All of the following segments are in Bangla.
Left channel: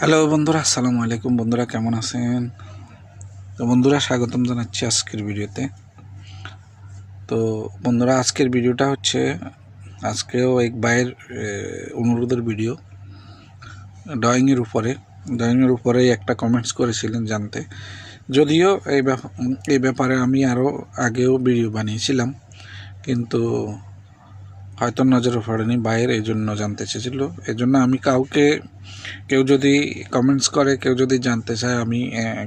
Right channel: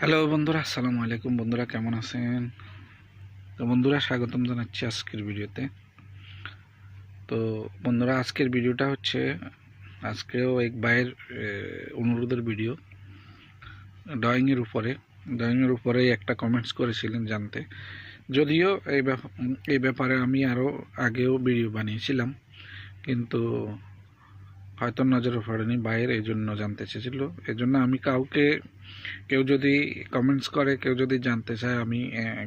হ্যালো বন্ধুরা, আসসালামু আলাইকুম। বন্ধুরা, কেমন আছেন? তো বন্ধুরা, স্বাগতম জানাচ্ছি আজকের ভিডিওতে। তো বন্ধুরা, আজকের ভিডিওটা হচ্ছে, আজকেও এক ভাইয়ের অনুরোধের ভিডিও ড্রয়িংয়ের উপরে। ড্রয়িংয়ের উপরে একটা কমেন্টস করেছিলেন জানতে। যদিও এই এই ব্যাপারে আমি আরও আগেও ভিডিও বানিয়েছিলাম, কিন্তু হয়তো নজরে পড়েনি বাইরের এই জন্য জানতে চেয়েছিল। এই জন্য আমি কাউকে, কেউ যদি কমেন্টস করে, কেউ যদি জানতে চায়, আমি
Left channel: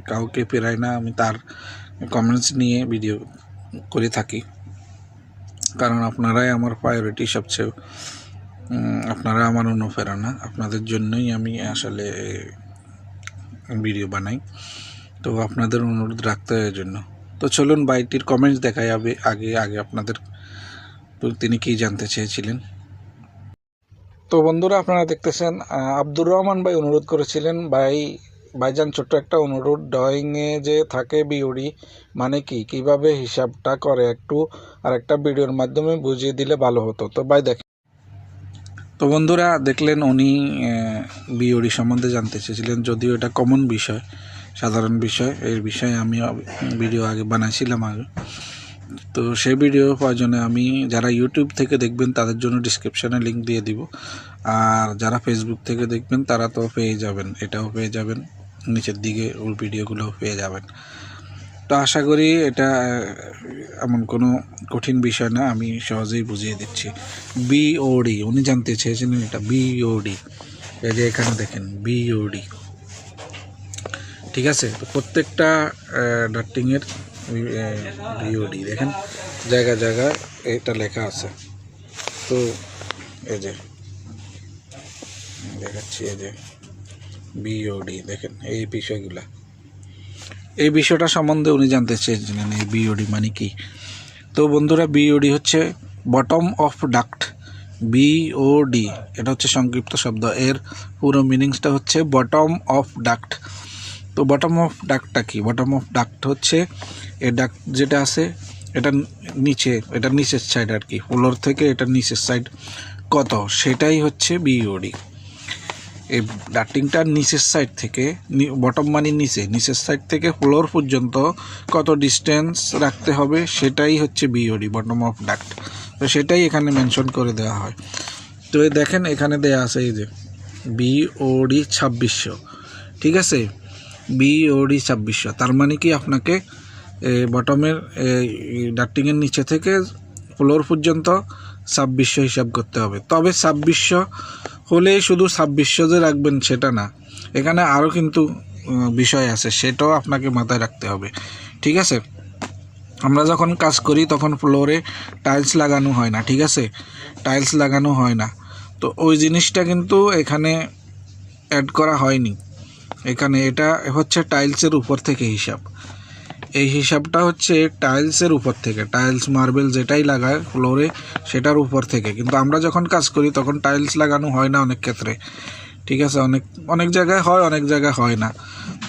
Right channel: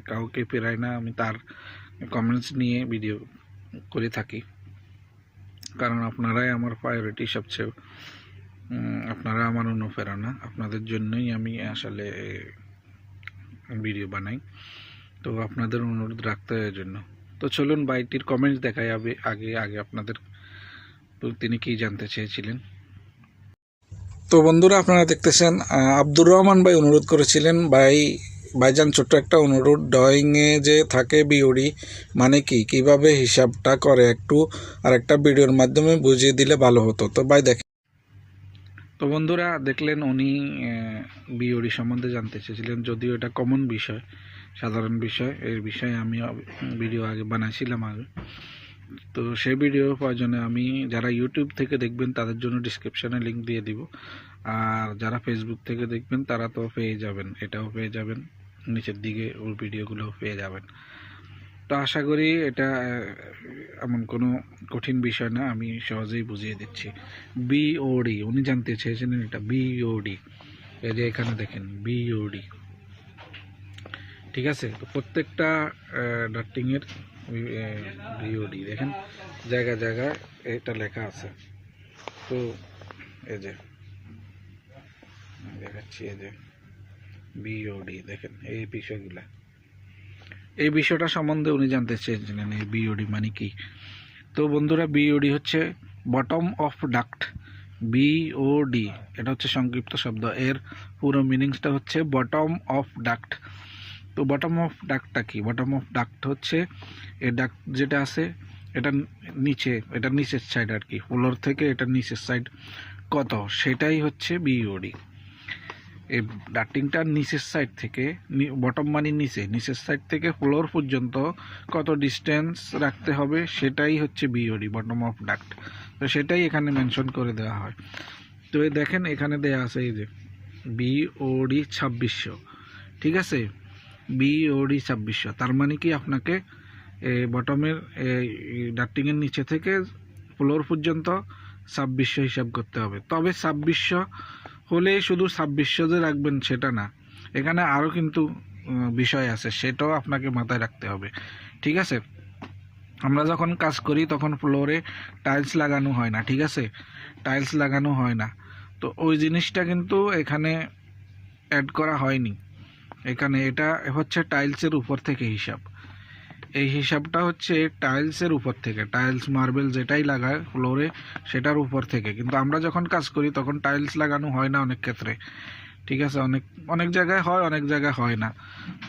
কাউকে পেরাই না, আমি তার কমেন্টস নিয়ে ভিডিও করে থাকি। কারণ আপনারাই আমার প্রায়োরিটি সবচেয়ে আপনারা আমার অনুপ্রেরণা। আপনাদের জন্যই আমি আসলে ভিডিও বানাই। তো আপনাদের অনুরোধ রাখতে হয় জন্য। তো চলুন বাইটির কমেন্টস দেখা যাবে আগে আগে আপনাদের তিনি কি জানতে চেয়েছিলেন? তো বন্ধুরা আপনারা দেখতেছেন আব্দুর রহমান ভাই অনুরোধ করেছিলেন ভাই ভাইজান ছোট্ট একটা অনুরোধ ড্রয়িংয়ে যে থাকে বিওডি মানে কি কীভাবে হিসাবটা করে একটু আর একটা ভিডিওর মাধ্যমে বুঝিয়ে দিলে ভালো হতো। তো ভাই দেখেন। তো বন্ধুরা দেখলেন উনি বিওডি সম্বন্ধে জানতে চেয়েছিলেন যদিও এটা কমন বিষয় সাধারণ বিষয় এর বিষয়ে আমি ভিডিও আগে বানাইছিলাম আগে। তো সেই ভিডিও প্রয়োজনে আমি যারা ইউটিউব থেকে দেখবেন, তাদের জন্য ডিসক্রিপশানে লিংক দিয়ে দিব। আর যারা ফেসবুক থেকে দেখবেন, তারা তো পেয়ে যাবেন, এটাও পেয়ে যাবেন, নিচের দিকে ওর ভিডিওগুলো পেয়ে যাবেন। তো আশা করি এটা এমন কোনো কঠিন বিষয় না, আমি সহজেই বুঝিয়ে দিচ্ছি। বিওডি উনি জানতে চেয়েছিলেন এটা বিওডি এই যে এখানে দেখেন বিওডি ঠিক আছে? তো প্রত্যেকটা ডাক্টিংয়ের বিওডি দেখেন, জায়গা জায়গায় এটা লেখা আছে। তো, এই যে, দেখাচ্ছি, এই যে বিওডি দেখেন, এই বিষয়গুলা। এই বিষয়টা সম্বন্ধে উনি জানতে চেয়েছিলেন, এই বিওডি মানে কি? তো বন্ধুরা বিওডি হচ্ছে বটম অফ ডাক্ট বিওডি এটা হচ্ছে সংক্ষিপ্ত শব্দ। এর পুরো মিনিংসটা হচ্ছে বটম অফ ডাক্ট তো বটম অফ ডাকটা কি? বটম অফ ডাক্ট হচ্ছে এ ডাক যেটা আছে, এটা নিচে, এটা নিচের সাইড আর কি ফ্লোর থেকে এটা নিচের সাইড কত? সেটাই হচ্ছে বিওডি এই ডাক্টিংটার নিচের সাইড থেকে বটম মানে নিচে, নিচের সাইড থেকে ফ্লোর পর্যন্ত কত ডিস্টেন্স রাখতে হবে সেটাই হচ্ছে বিওডি বটম অফ ডাক্ট তো সেটাই এখানে মেনশন করে দেওয়া হয়। তো দেখেন এখানে দেওয়া আছে এই যে বিওডি ছাব্বিশশো। ঠিক আছে? বিওডি ছাব্বিশশো। তার মানে কি আপনাকে বটমের ডাক্টিংয়ের নিচে থেকে ফ্লোর পর্যন্ত ছাব্বিশশো হিসাব করতে হবে। তবে ছাব্বিশশো হলেই শুধু ছাব্বিশশো যে রাখবেন সেটা না, এখানে আরও কিন্তু বিষয় আছে, সেটাও আপনাকে মাথায় রাখতে হবে। ঠিক আছে? আমরা যখন কাজ করি তখন ফ্লোরে টাইলস লাগানো হয় না, ঠিক আছে? টাইলস লাগানো হয় না। তো ওই জিনিসটা কিন্তু এখানে অ্যাড করা হয়নি। এখানে এটা হচ্ছে টাইলসের উপর থেকে হিসাব। এই হিসাবটা হচ্ছে টাইলসের উপর থেকে। টাইলস, মার্বেল যেটাই লাগায় ফ্লোরে সেটার উপর থেকে। কিন্তু আমরা যখন কাজ করি তখন টাইলস লাগানো হয় না অনেক ক্ষেত্রে। ঠিক আছে? অনেক অনেক জায়গায় হয়, অনেক জায়গায় হয় না।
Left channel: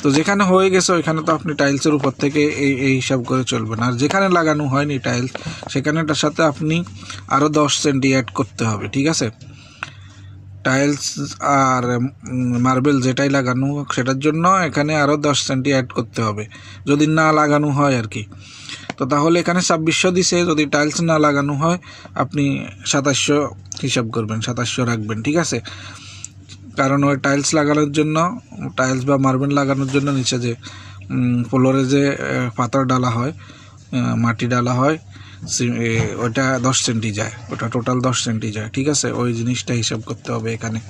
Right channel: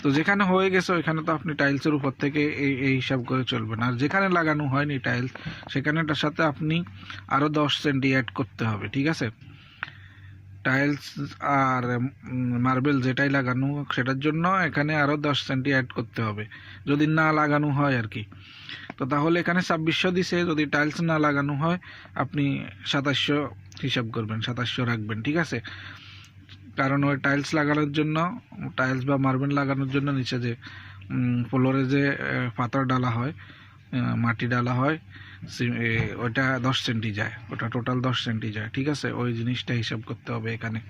তো যেখানে হয়ে গেছে ওইখানে তো আপনি টাইলসের উপর থেকে এই এই হিসাব করে চলবেন। আর যেখানে লাগানো হয়নি টাইলস, সেখানেটার সাথে আপনি আরও দশ সেন্টি অ্যাড করতে হবে। ঠিক আছে? টাইলস আর মার্বেল যেটাই লাগানো হোক, সেটার জন্য এখানে আরও দশ সেন্টি অ্যাড করতে হবে, যদি না লাগানো হয় আর কি। তো তাহলে এখানে ছাব্বিশশো দিছে, যদি টাইলস না লাগানো হয়, আপনি সাতাশশো হিসাব করবেন, সাতাশশো রাখবেন, ঠিক আছে? কারণ ওই টাইলস লাগানোর জন্য টাইলস বা মার্বেল লাগানোর জন্য নিচে যে ফ্লোরে যে পাথর ডালা হয় মাটি ডালা হয় ওটা দশ সেন্টি যায়। ওটা টোটাল দশ সেন্টি যায়। ঠিক আছে? ওই জিনিসটা হিসাব করতে হবে এখানে।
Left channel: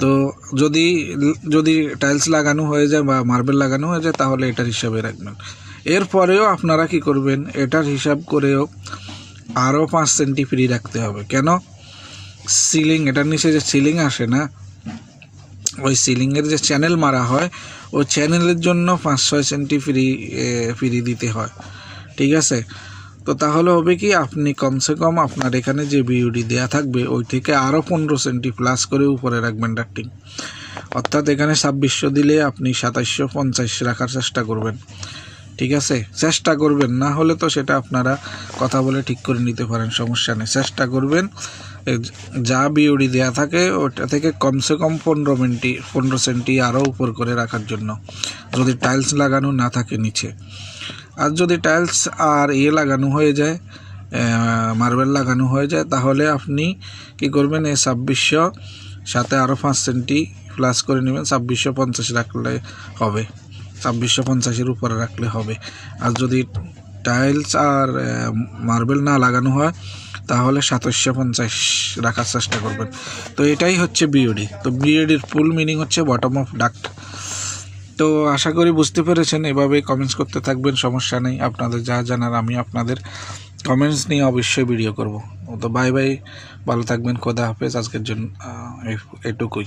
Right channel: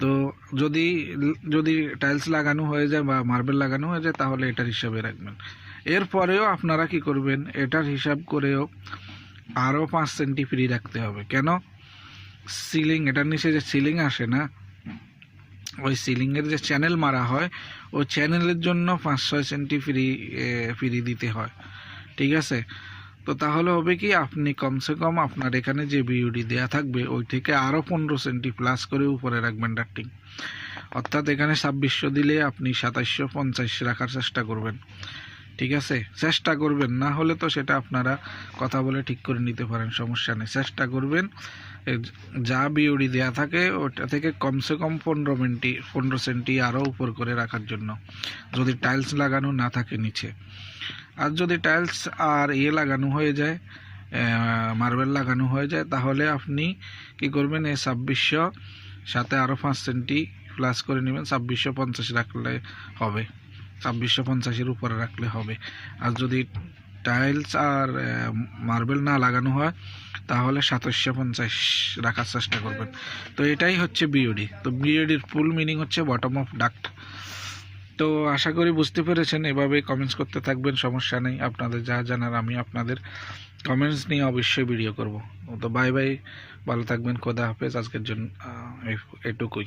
তো যদি যদি টাইলস লাগানো হয়ে যায় বা মার্বেল লাগানো হয়ে যায়, তাহলে এটার হিসাবে রাখবেন। এরপরেও আপনারা কি করবেন? এটার হিসাব করেও আরও পাঁচ সেন্টি ফ্রি রাখতে হবে। কেন? সিলিং এটার নিচে যে সিলিং আসে না, ওই সিলিংয়ের যে চ্যানেল মারা হয়, ওই চ্যানেলের জন্য পাঁচ ছয় সেন্টি ফ্রি ফ্রি দিতে হয়। ঠিক আছে? তো তাহলে হবে কি, আপনি কমসে কম আপনার এখানে যে বিউডি দেয়া থাকবে, ওই থেকে আরও পনেরো সেন্টি প্লাস করে উপরে রাখবেন ডাক্টিং অর্থাৎ এখানে ছাব্বিশশো দিলে আপনি সাতাশশো পঞ্চাশ রাখার চেষ্টা করবেন। ঠিক আছে? চেষ্টা করবেন। না হলে তো সেটা আপনারা কথা বলে ঠিক করে নিতে পারেন, সমস্যা নেই। চেষ্টা করবেন যা বিওডি দেওয়া থাকে, ওটা থেকে কমসে কম পনেরো মিনিটি, পনেরো সেন্টি আরও উপর করে রাখার জন্য। যদি টাইলস লাগানো না থাকে নিচে। আর যদি টাইলস আর ইয়ে লাগানো হয়ে যায় মার্বেল লাগানো হয়ে যায়, তাহলে আপনি কি করবেন, এই ছাব্বিশশো সাথে আরও পাঁচ সেন্টি প্লাস করে নেবেন, ছাব্বিশশো পঞ্চাশ রাখলে হবে। ছাব্বিশশো পঞ্চাশের উপরে রাখলে হবে। আর যদি টাইলস আর মার্বেল না লাগানো হয়, তাহলে সাতাশশো পঞ্চাশ রাখার চেষ্টা করবেন। তো এটাই হচ্ছে বিওডি তো বিওডির ফুল মিনিং হচ্ছে বটম অফ ডাক্ট তো আশা করি বুঝতে পেরেছেন এভাবে কমেন্টস করতে থাকবেন, সমস্যা নেই। আপনাদের যা জানার আমি আপনাদের কমেন্টস নিয়ে অবশ্যই ভিডিও করব। তো বাই বাই ভালো থাকবেন, খোদা হাফেজ। আজকের জন্য এটুকুই।